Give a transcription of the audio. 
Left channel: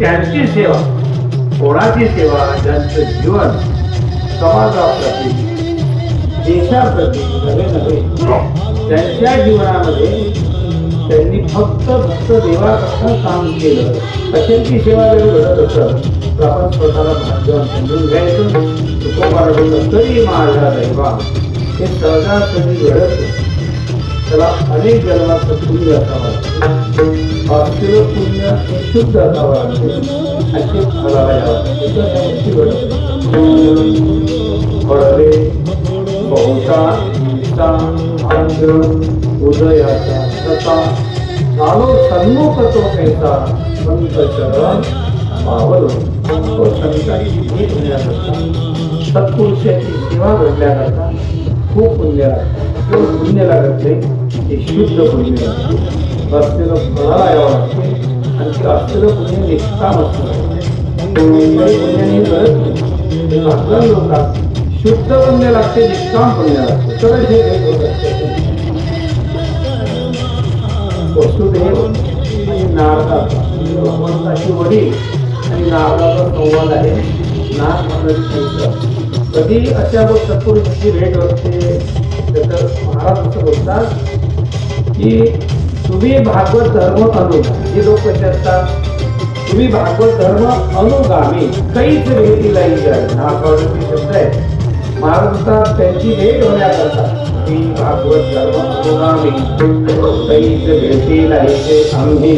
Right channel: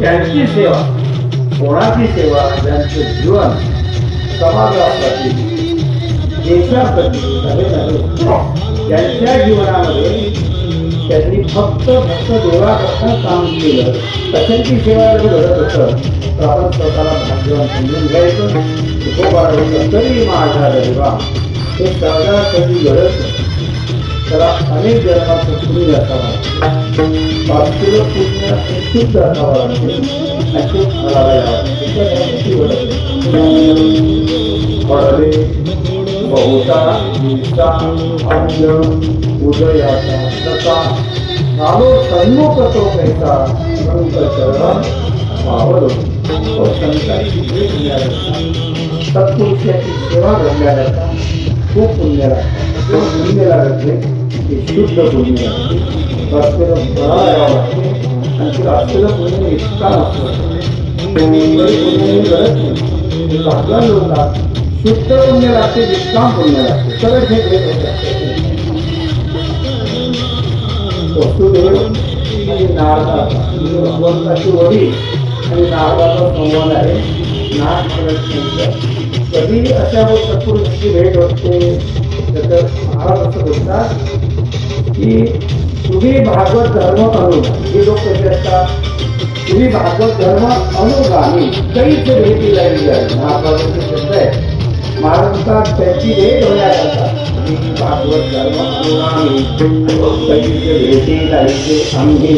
त्यांची सेवा, कोणाची सेवा, त्यांचं जीवन समाजाप्रती, देशाप्रती नव्हे त्यांच्या जीवनामध्ये त्यांनी फक्त देवापासून काम केलं तशांची सेवा जर घडत असं तर आपण स्वतःला भाग्यवान समजून घ्यायचं. तो बाळगत तरी माझा दैवा हे सहजा कधी घडत त्याला अनेक जन्माचं पुण्य असावं, वास्तव पुण्य शुद्ध असावं अशी मला पडले बहुता उदयाचा तथा कालो सन्मुख तो कैसा संत चरण पावलो. सत्पुरुषाची सेवा घडल्यानंतर खूप पुण्य लागतं. पुण्य लागत नाही ते शुद्ध पुण्य लागते. असलेलं फळाला यावं लागते आणि ते असलेलं पुण्य निष्काम असतं. लोकांना शुद्ध पुण्य लागते, निष्काम पुण्य लागते. तर हे वसुदेव नारदाची वडील आणि नारदाचा संवाद आहे. कधी अशा सत्पुरुषाची भेट असते तर महाराज असं बोलतात की तुम्ही भागवत धर्म अनु, हे लोक कसे असतात, तुम्ही भागवत धर्म अनुगामी कैच भेटीला शब्द आहे. महाराज त्यांची भेट होण्याकरता भागवत धर्म अनुगामी कैच भेटीला आम्ही